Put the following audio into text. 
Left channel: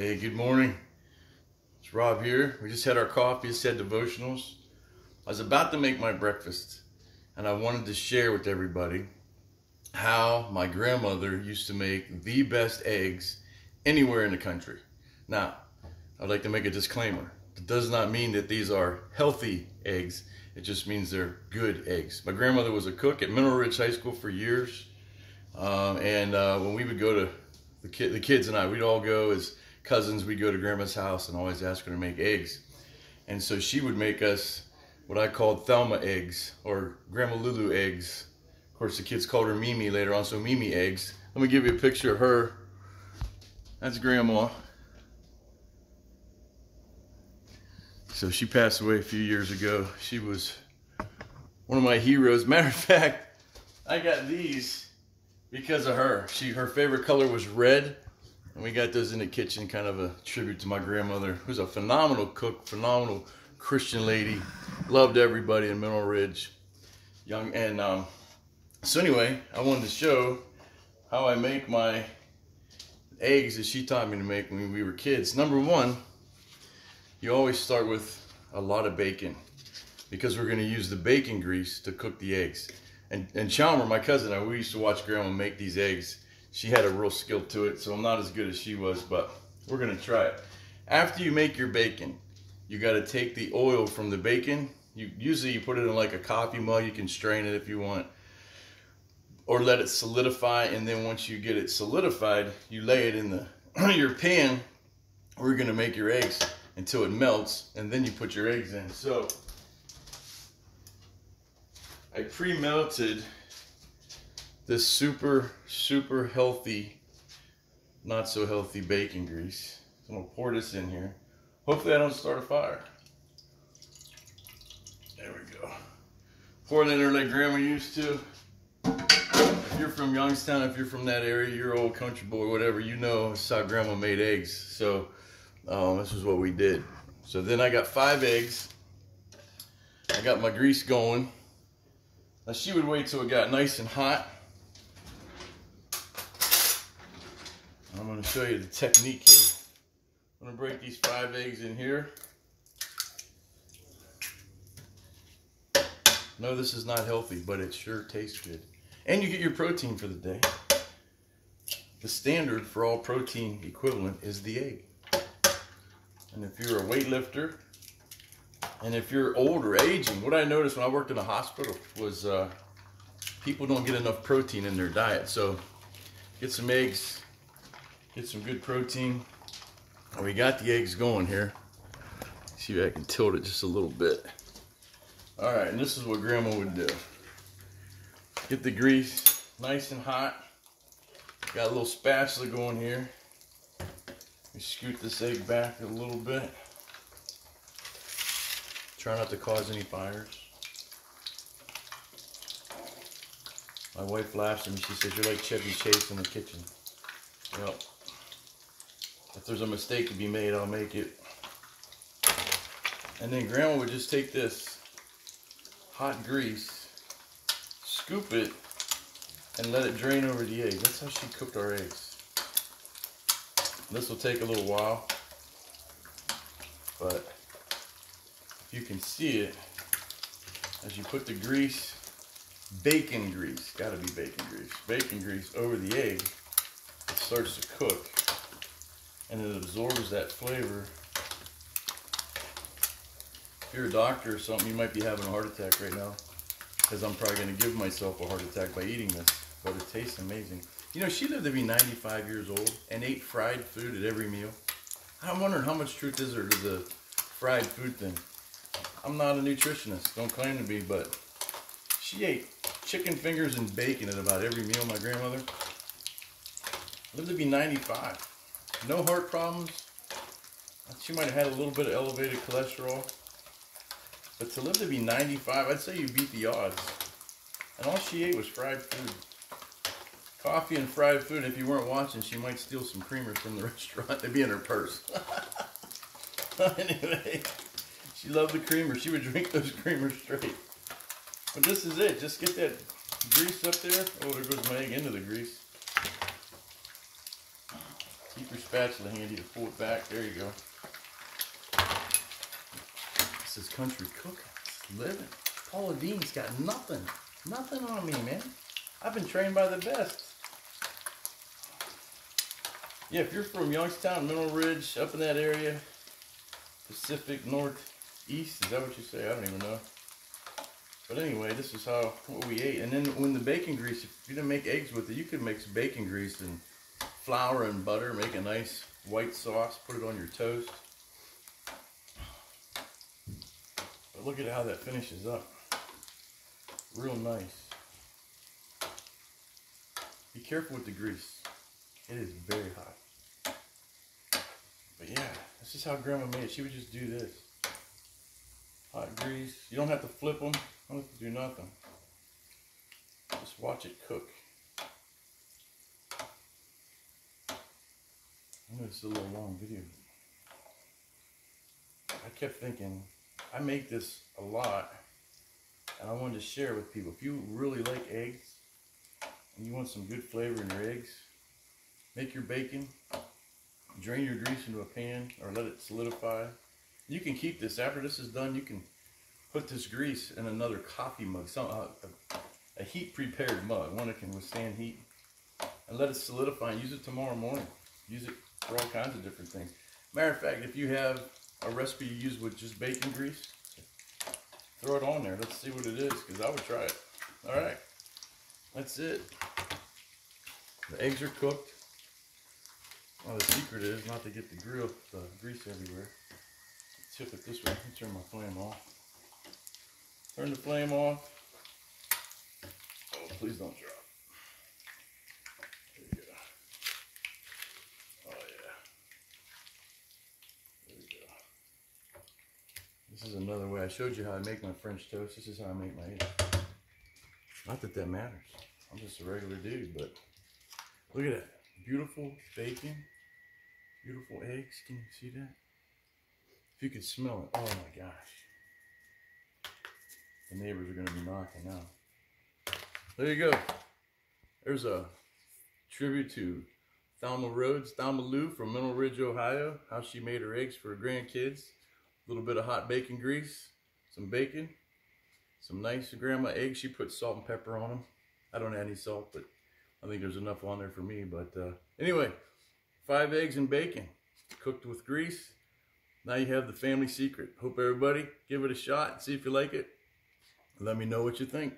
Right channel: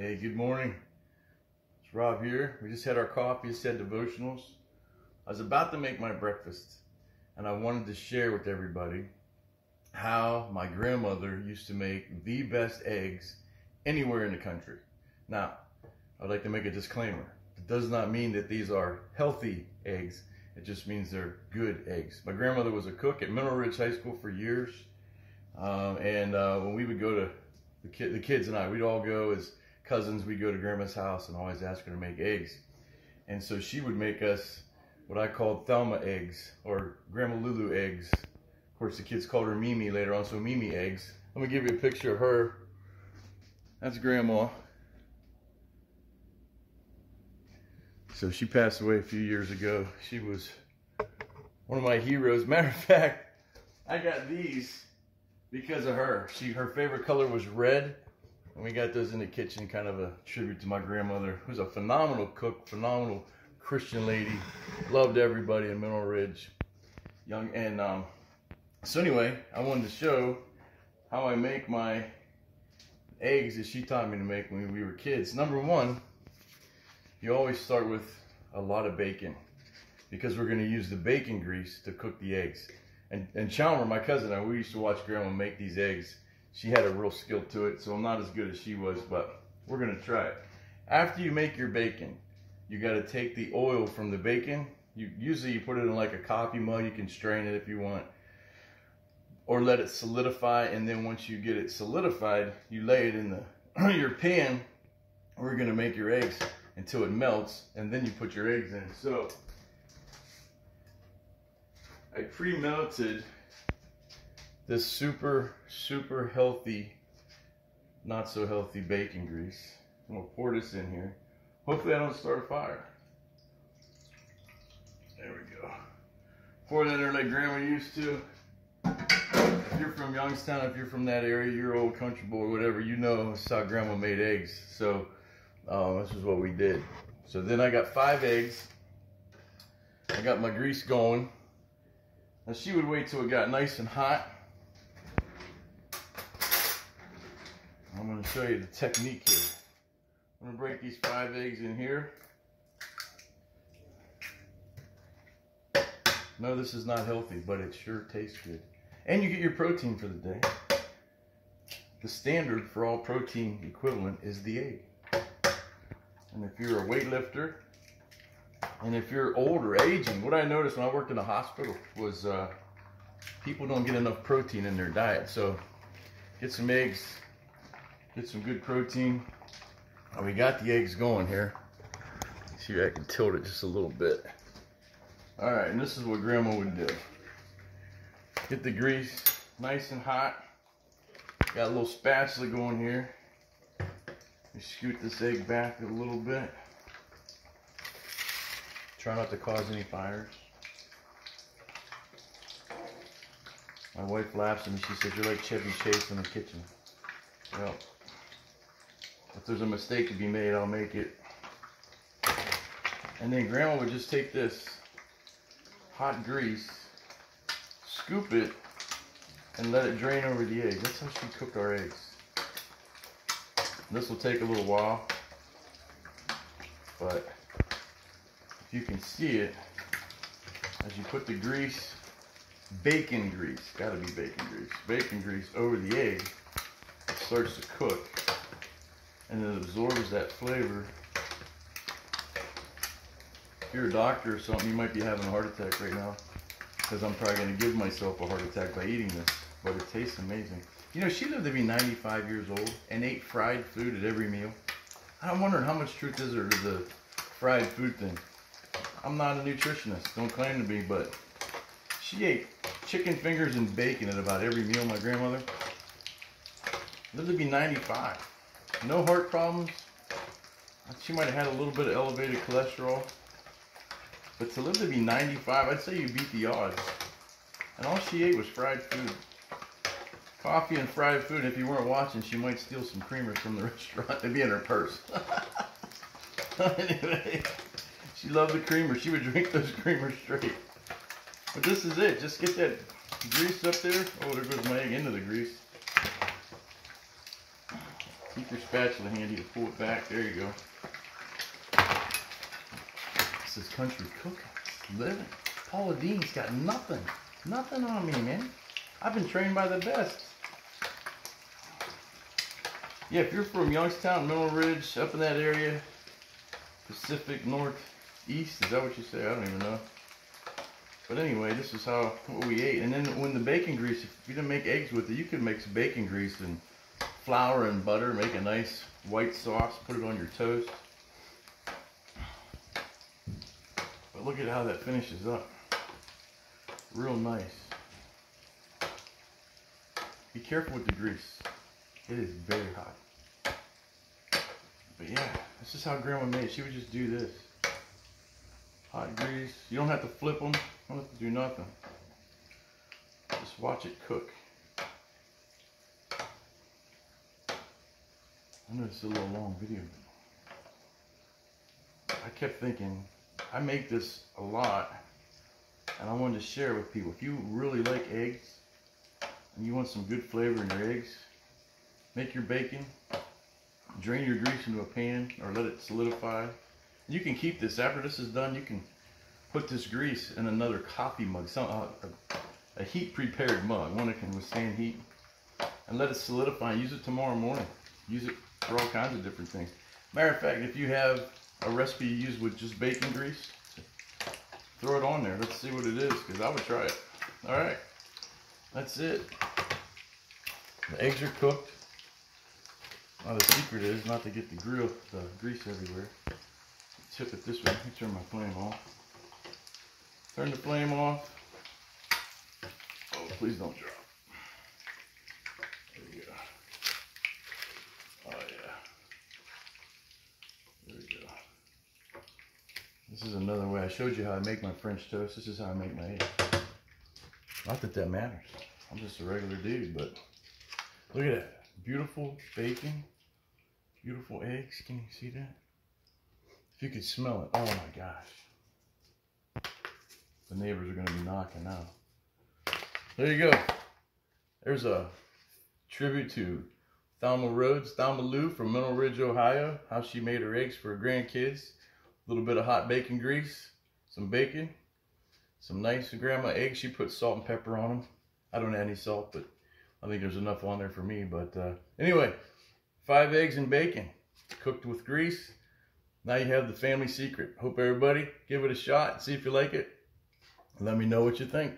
Hey, good morning. It's Rob here. We just had our coffee, just had devotionals. I was about to make my breakfast, and I wanted to share with everybody how my grandmother used to make the best eggs anywhere in the country. Now, I'd like to make a disclaimer. It does not mean that these are healthy eggs. It just means they're good eggs. My grandmother was a cook at Mineral Ridge High School for years. When we would go to, the kids and I, we'd all go as cousins, we'd go to grandma's house and always ask her to make eggs. And so she would make us what I called Thelma eggs, or Grandma Lulu eggs. Of course, the kids called her Mimi later on, so Mimi eggs. Let me give you a picture of her. That's Grandma. So she passed away a few years ago. She was one of my heroes. Matter of fact, I got these because of her. Her favorite color was red. And we got those in the kitchen, kind of a tribute to my grandmother, who's a phenomenal cook, phenomenal Christian lady. Loved everybody in Mineral Ridge. So anyway, I wanted to show how I make my eggs that she taught me to make when we were kids. Number one, you always start with a lot of bacon, because we're going to use the bacon grease to cook the eggs. And Chalmer, my cousin, and I, we used to watch Grandma make these eggs. She had a real skill to it, so I'm not as good as she was, but we're going to try it. After you make your bacon, you got to take the oil from the bacon. Usually you put it in like a coffee mug. You can strain it if you want, or let it solidify. And then once you get it solidified, you lay it in your pan where you're going to make your eggs until it melts, and then you put your eggs in. So I pre-melted this super healthy, not so healthy bacon grease. So I'm gonna pour this in here. Hopefully I don't start a fire. There we go. Pour it in there like Grandma used to. If you're from Youngstown, if you're from that area, you're an old country boy, whatever, you know this is how Grandma made eggs. So this is what we did. So then I got 5 eggs. I got my grease going. Now she would wait till it got nice and hot. I'm going to show you the technique here. I'm going to break these 5 eggs in here. No, this is not healthy, but it sure tastes good. And you get your protein for the day. The standard for all protein equivalent is the egg. And if you're a weightlifter, and if you're old or aging, what I noticed when I worked in a hospital was people don't get enough protein in their diet. So get some eggs. Get some good protein. And we got the eggs going here. See if I can tilt it just a little bit. All right, and this is what Grandma would do. Get the grease nice and hot. Got a little spatula going here. We scoot this egg back a little bit. Try not to cause any fires. My wife laughs at me. She says, "You're like Chevy Chase in the kitchen." Well, if there's a mistake to be made, I'll make it. And then Grandma would just take this hot grease, scoop it, and let it drain over the egg. That's how she cooked our eggs. This will take a little while, but you can see it as you put the grease, bacon grease, gotta be bacon grease over the egg. It starts to cook, and it absorbs that flavor. If you're a doctor or something, you might be having a heart attack right now, because I'm probably going to give myself a heart attack by eating this, but it tastes amazing. You know, she lived to be 95 years old and ate fried food at every meal. I'm wondering how much truth is there to the fried food thing. I'm not a nutritionist, don't claim to be, but she ate chicken fingers and bacon at about every meal, my grandmother. Lived to be 95. No heart problems. She might have had a little bit of elevated cholesterol. But to live to be 95, I'd say you beat the odds. And all she ate was fried food. Coffee and fried food. And if you weren't watching, she might steal some creamers from the restaurant. They'd be in her purse. Anyway, she loved the creamers. She would drink those creamers straight. But this is it. Just get that grease up there. Oh, there goes my egg into the grease. Keep your spatula handy to pull it back. There you go. This is Country Cookhouse. Living. Paula Dean's got nothing. Nothing on me, man. I've been trained by the best. Yeah, if you're from Youngstown, Mineral Ridge, up in that area, Pacific Northeast, is that what you say? I don't even know. But anyway, this is what we ate. And then when the bacon grease, if you didn't make eggs with it, you could make some bacon grease and flour and butter, make a nice white sauce, put it on your toast. But look at how that finishes up. Real nice. Be careful with the grease. It is very hot. But yeah, this is how Grandma made it. She would just do this. Hot grease. You don't have to flip them. You don't have to do nothing. Just watch it cook. I know it's a little long video. I kept thinking, I make this a lot, and I wanted to share with people. If you really like eggs, and you want some good flavor in your eggs, make your bacon, drain your grease into a pan, or let it solidify. You can keep this, after this is done, you can put this grease in another coffee mug, a heat prepared mug, one that can withstand heat, and let it solidify and use it tomorrow morning. Use it for all kinds of different things. Matter of fact, if you have a recipe you use with just bacon grease, throw it on there. Let's see what it is, because I would try it. All right, that's it. The eggs are cooked. Now the secret is not to get the grease everywhere. Tip it this way. Let me turn my flame off. Turn the flame off. Oh, please don't drop. There we go. Oh yeah. There we go. This is another way. I showed you how I make my French toast. This is how I make my eggs. Not that that matters. I'm just a regular dude, but look at that. Beautiful bacon. Beautiful eggs. Can you see that? If you could smell it. Oh my gosh. The neighbors are going to be knocking out. There you go. There's a tribute to Thelma Rhodes, Thelma Lou from Mineral Ridge, Ohio. How she made her eggs for her grandkids. A little bit of hot bacon grease. Some bacon. Some nice grandma eggs. She put salt and pepper on them. I don't add any salt, but I think there's enough on there for me. But anyway, 5 eggs and bacon cooked with grease. Now you have the family secret. Hope everybody give it a shot and see if you like it. Let me know what you think.